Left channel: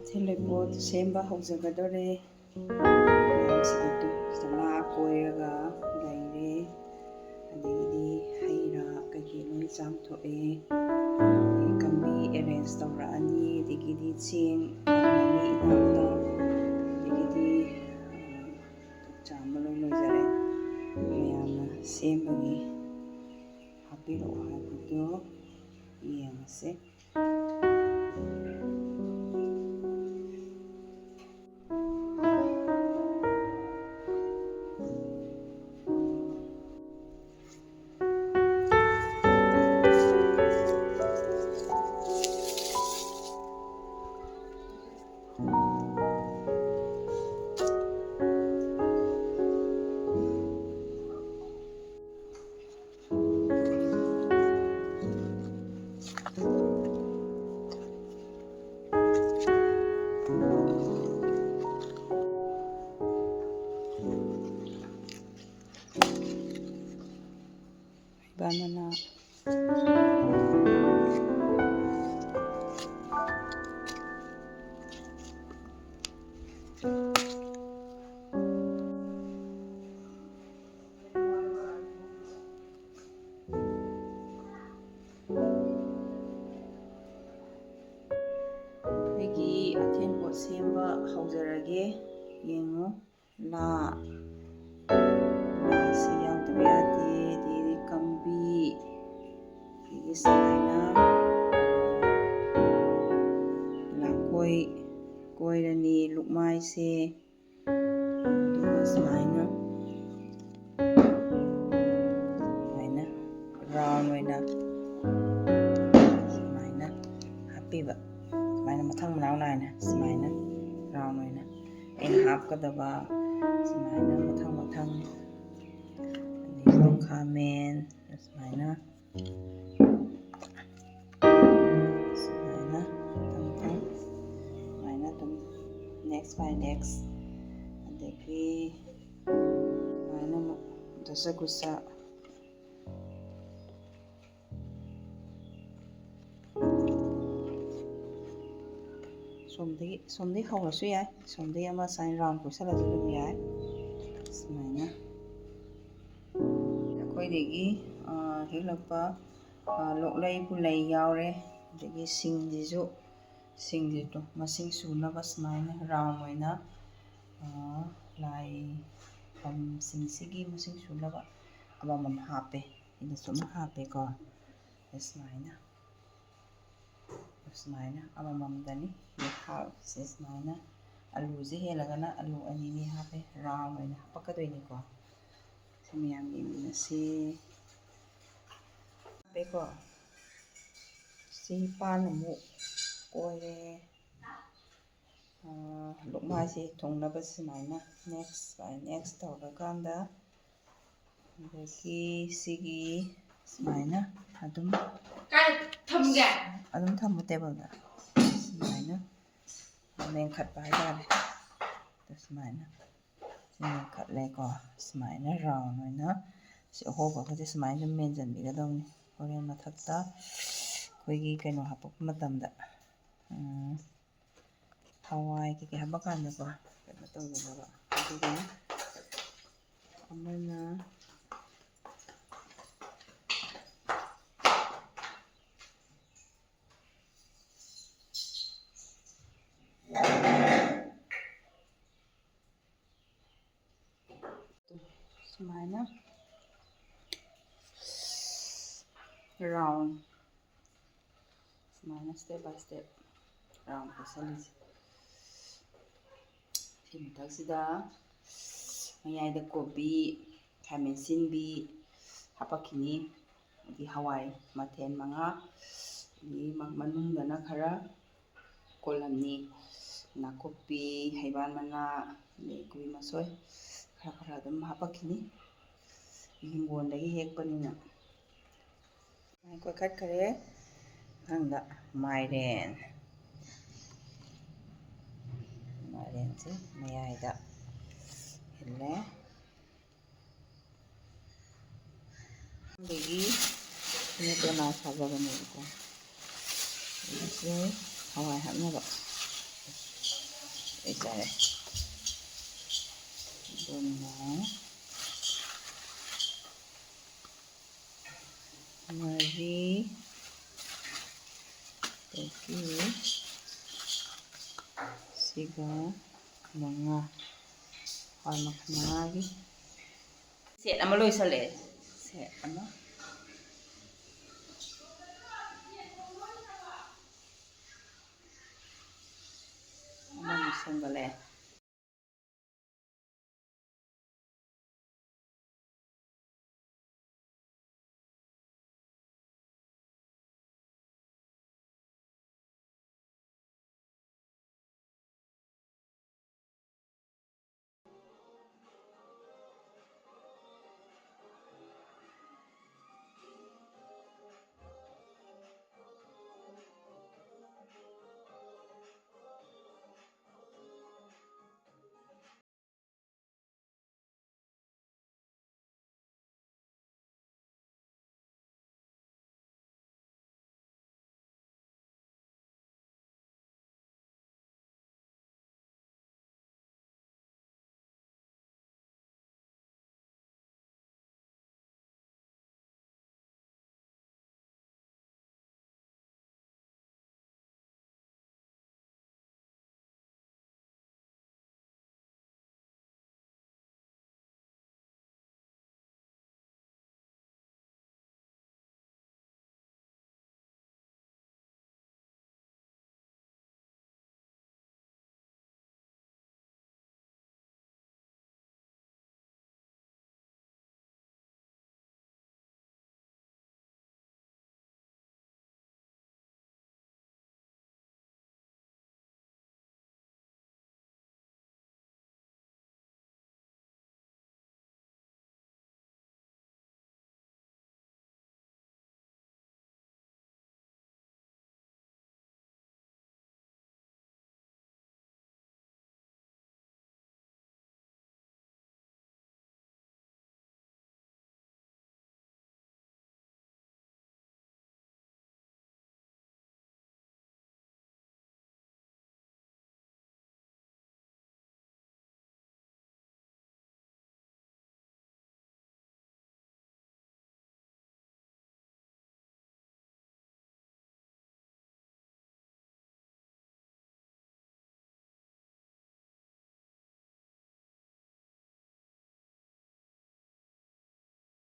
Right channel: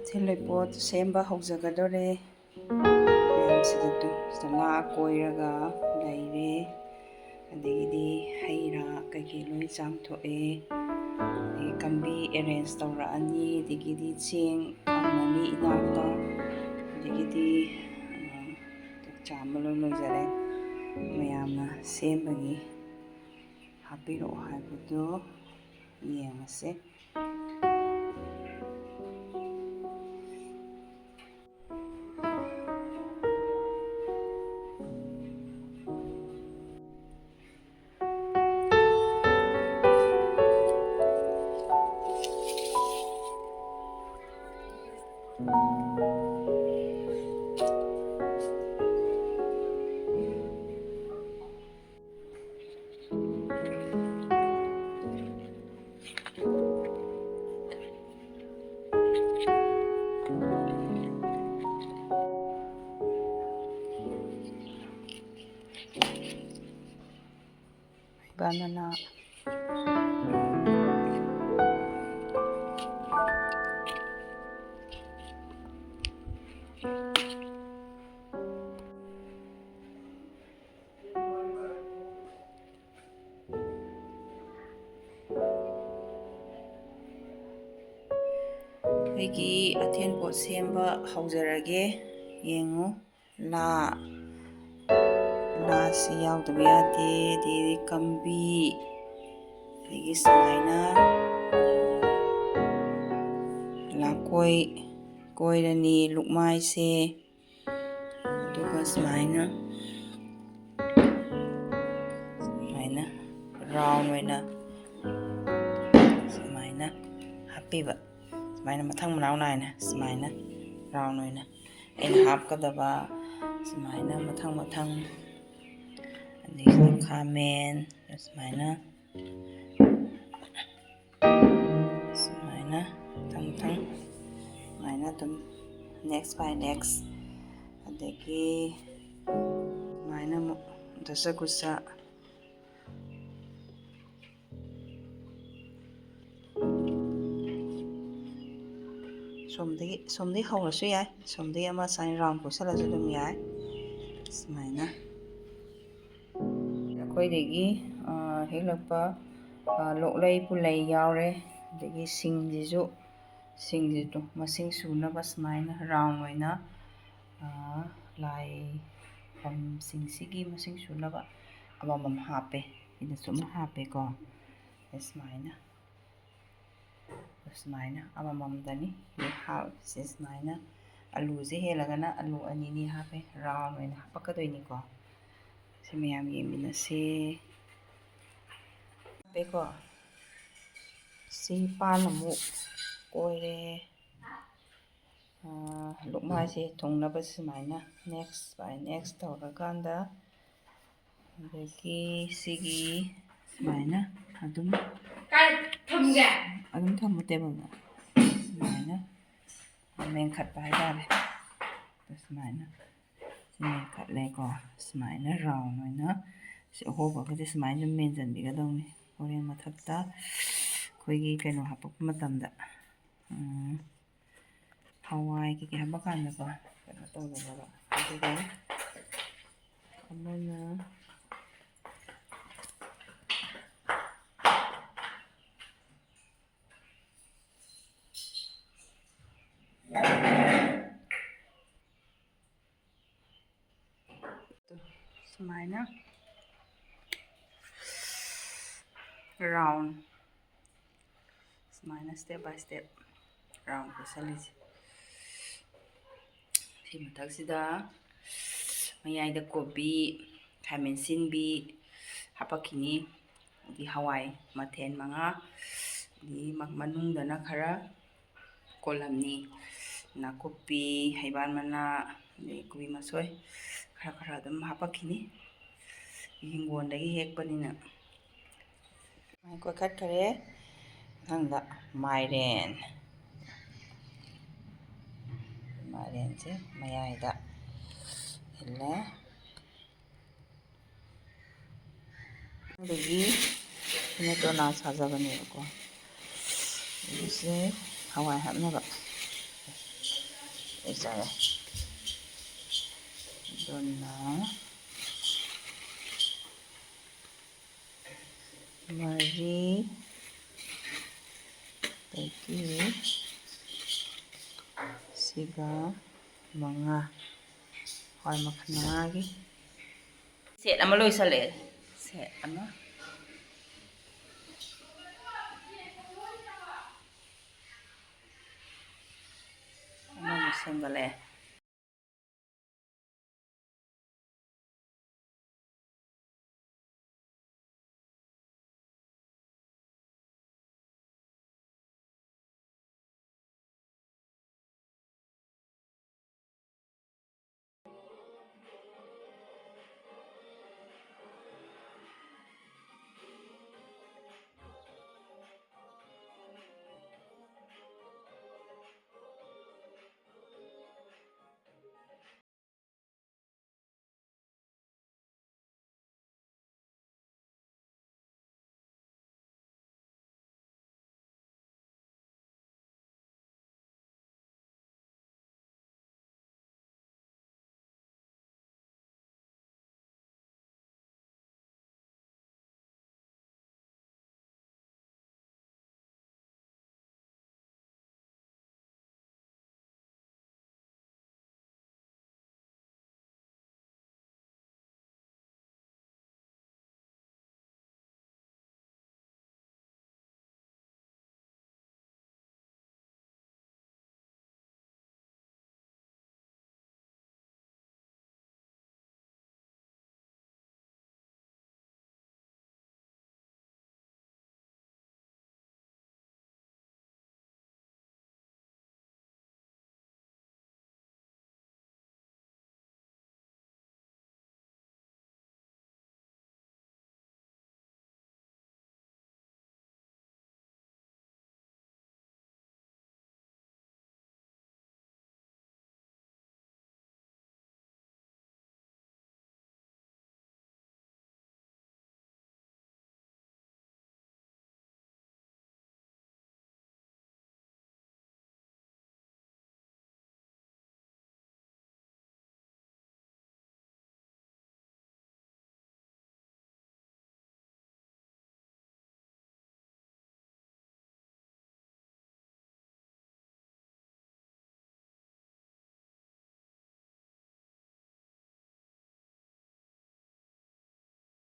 ꯑꯊꯦꯜꯂꯣꯏꯄꯣꯠ ꯁꯦꯝꯕ ꯍꯧꯖꯒꯗꯣꯔꯦ ꯃꯌꯥꯝꯁꯤꯗ ꯂꯥ ꯀꯣꯏꯔꯒ ꯂꯩꯔꯦ ꯑꯗꯒꯤꯗꯤ ꯍꯩ ꯔꯥ ꯀꯩꯀꯩ ꯂꯣꯏ ꯆꯥꯝꯊꯣꯛꯑꯦ ꯑꯗꯒꯤ ꯀꯝꯕꯤ ꯑꯦꯔꯦꯟꯖ ꯇꯧꯔꯛꯑꯅꯤ ꯑꯗꯒꯤꯗꯤ ꯆꯦꯡ ꯊꯝꯃꯅꯤ ꯏꯅꯥꯛꯇ ꯑꯗꯒꯤꯗꯤ ꯆꯥꯝꯕ ꯂꯣꯏ ꯂꯣꯏꯖꯔꯦ ꯃꯌꯥꯝꯅ ꯁꯦꯝꯕꯒꯤ ꯍꯥꯞꯄꯤꯔꯛꯑꯣ ꯍꯥꯏꯕꯗꯣ ꯌꯦꯡꯉꯁꯦ banana ꯑꯩꯒꯤ ꯑꯊꯦꯟꯄꯣꯠ ꯁꯦꯝꯕ ꯍꯧꯖꯔꯒꯦ ꯌꯦꯡꯉꯨ ꯂꯥꯁꯤ ꯌꯥꯎꯗꯕ ꯌꯥꯗꯦ ꯑꯗꯒꯤꯗꯤ ꯀꯝꯕꯤ ꯑꯗꯒꯤ ꯁꯨꯃꯥꯏꯅ ꯂꯥꯀꯣꯏ ꯀꯣꯏꯔꯅꯤ ꯂꯨꯛꯃꯥꯏꯁꯦ ꯑꯗꯨꯒ ꯁꯨꯃꯥꯏꯅ ꯔꯥꯎꯟ ꯑꯣꯏꯅ ꯁꯨꯃꯥꯏꯅ ꯍꯥꯞꯄꯤꯕ ꯁꯨꯃꯥꯏꯅ ꯃꯊꯪ ꯃꯅꯥꯎ ꯅꯥꯏꯅ ꯁꯨꯃꯥꯏꯅ ꯔꯥꯎꯟ ꯑꯣꯏꯅ ꯑꯩꯅ ꯍꯥꯞꯀꯗꯕ ꯁꯨꯃꯥꯏꯅ ꯃꯊꯪ ꯑꯗꯒꯤ ꯈꯥꯃꯦꯟ ꯁꯨꯃꯥꯏꯅ ꯃꯊꯪ ꯁꯨꯃꯥꯏꯅ ꯑꯗꯨꯝ ꯅꯦꯛꯁ ꯕꯥꯏ ꯅꯦꯛꯁ ꯑꯗꯒꯤ ꯁꯨꯃꯥꯏꯅ ꯑꯃꯨꯛ ꯗꯁꯀꯨꯁꯥ ꯁꯣꯝꯗꯒꯤ ꯍꯧꯔꯁꯨ ꯌꯥꯏ ꯁꯣꯝꯗꯒꯤ ꯑꯃ ꯁꯥꯏꯟ ꯔꯥꯎꯟ ꯀꯣꯏꯁꯜꯂꯁꯨ ꯑꯗꯨꯝ ꯌꯥꯏ ꯁꯨꯃꯥꯏꯅ ꯑꯩꯈꯣꯏꯗꯒꯤ ꯍꯦꯛꯂꯛꯄ ꯂꯣꯛꯂꯩ ꯄꯨꯂꯩ ꯌꯥꯎꯔꯦ ꯑꯗꯒꯤ ꯁꯤꯡꯁꯤꯁꯨ ꯃꯁꯤꯡ ꯁꯨꯅꯕ ꯁꯨꯃꯥꯏꯅ ꯔꯥꯎꯟ ꯑꯣꯏꯅ ꯂꯥꯏꯐꯝꯁꯤꯡꯁꯤꯒꯤ ꯃꯁꯤꯡ ꯁꯨꯅꯕ ꯑꯃꯃꯝ ꯍꯥꯞꯄꯦ ꯁꯤꯗꯁꯨ ꯑꯃꯨꯛ ꯍꯥꯞꯄꯦꯀꯣ ꯁꯨꯃꯥꯏꯅ ꯑꯃꯃꯝꯗꯅꯤ ꯍꯥꯞꯁꯦ ꯁꯨꯃꯥꯏꯅ ꯑꯂꯨꯁꯦ ꯍꯦꯜꯂꯒꯅ ꯑꯂꯨ ꯑꯅꯤꯅꯤ ꯍꯥꯞꯄꯦ ꯔꯥꯎꯟ ꯑꯣꯏꯅ ꯍꯥꯞꯄꯛꯀꯗꯣꯏꯅꯤꯀꯣ ꯁꯤ ꯃꯌꯥꯝ ꯌꯦꯡꯃꯤꯟꯅꯁꯤ ꯍꯥꯞꯄꯦꯀꯣ ꯁꯤ ꯄꯥꯟ ꯑꯃꯨꯛ ꯀꯣꯏꯔꯦ ꯂꯨꯛꯃꯥꯏꯁꯦ ꯊꯨꯡꯅꯕ ꯁꯨꯃꯥꯏꯅ ꯅꯦꯛꯁ ꯕꯥꯏ ꯅꯦꯛꯁ ꯇꯧꯔꯀꯥꯟꯗ ꯑꯗꯒꯤ ꯁꯤꯒꯤ ꯁꯨꯃꯥꯏꯅ ꯑꯗꯨꯝ ꯊꯝꯃꯨ ꯇꯦꯕꯜꯗ ꯁꯨꯃꯥꯏꯅ ꯃꯦꯟꯈꯠꯄ ꯍꯥꯏꯇꯥꯔꯦ ꯁꯨꯃꯥꯏꯅ ꯃꯦꯟꯈꯠꯂꯦꯀꯣ ꯁꯨꯃꯥꯏꯅ ꯔꯥꯎꯟ ꯑꯣꯏꯅ ꯁꯤ ꯑꯍꯣꯕꯒꯁꯦ ꯁꯨꯃꯥꯏꯅ ꯑꯗꯨꯝ ꯃꯦꯟꯁꯤꯟꯕꯤꯒꯗꯧꯅꯤ ꯍꯣꯔꯦꯟ ꯃꯊꯛꯇ ꯑꯩꯈꯣꯏꯒꯤ ꯀꯩꯅꯣ ꯍꯥꯞꯄꯛꯄ ꯃꯇꯝꯗ ꯍꯋꯥꯏ ꯀꯩꯀꯩ ꯍꯥꯞꯄ ꯀꯥꯟꯗꯀꯣ ꯀꯩꯅꯣ ꯇꯧꯒꯗꯕ ꯑꯗꯨꯒ ꯑꯃꯅ ꯁꯨꯃꯥꯏꯅ ꯔꯥꯎꯟ ꯁꯨꯃꯥꯏꯅ ꯁ꯭ꯇꯦꯞ ꯕꯥꯏ ꯁ꯭ꯇꯦꯞ ꯔꯥꯎꯟ ꯀꯣꯏꯁꯜꯂꯤꯁꯦ ꯁꯤ ꯃꯊꯛꯁꯤꯗ ꯃꯌꯥꯏꯗ ꯀꯣꯕꯤ ꯈꯥꯃꯦꯟ ꯑꯁꯤꯟꯕꯤ ꯍꯥꯄꯛꯈꯤꯅꯤ ꯑꯗꯩ ꯍꯋꯥꯏ ꯃꯊꯦꯜ 5 ꯑꯗꯩ ꯃꯅꯨꯡꯗꯅ ꯈꯔ ꯀꯣꯂꯝꯅꯤ ꯅꯥꯀꯨꯞꯄꯤ ꯍꯩꯕꯥꯜ ꯃꯅꯥ ꯑꯗꯩ ꯀꯣꯕꯤ ꯃꯁꯣꯏ ꯈꯔ ꯑꯗꯨꯝ ꯍꯥꯄꯛꯈꯤꯅꯤ ꯍꯤꯡꯒꯣꯜꯗꯒꯤ ꯍꯦꯛꯄꯅꯤꯅ ꯀꯣꯏꯈꯠꯈꯔꯦ ꯃꯊꯪꯗ ꯃꯥꯏꯔꯦꯟꯁꯦ ꯃꯌꯥꯏꯗ ꯍꯤꯜꯂꯦ ꯑꯗꯒꯤ ꯁꯤꯅ ꯇꯣꯅꯥ ꯁꯥꯖꯕꯅꯦꯕꯀꯣ ꯁꯤꯁꯦ ꯍꯋꯥꯏ ꯍꯥꯞꯅꯕ ꯂꯩꯖꯔꯦ ꯑꯗꯨꯅ ꯃꯔꯤ ꯑꯗꯒꯤ ꯁꯤꯒ ꯃꯉꯥ ꯍꯋꯥꯏ ꯃꯈꯜ 5ꯒꯤ ꯁꯦꯠ ꯑꯃ ꯂꯣꯏꯁꯜꯂꯛꯑꯦ ꯁꯦꯠ ꯑꯃ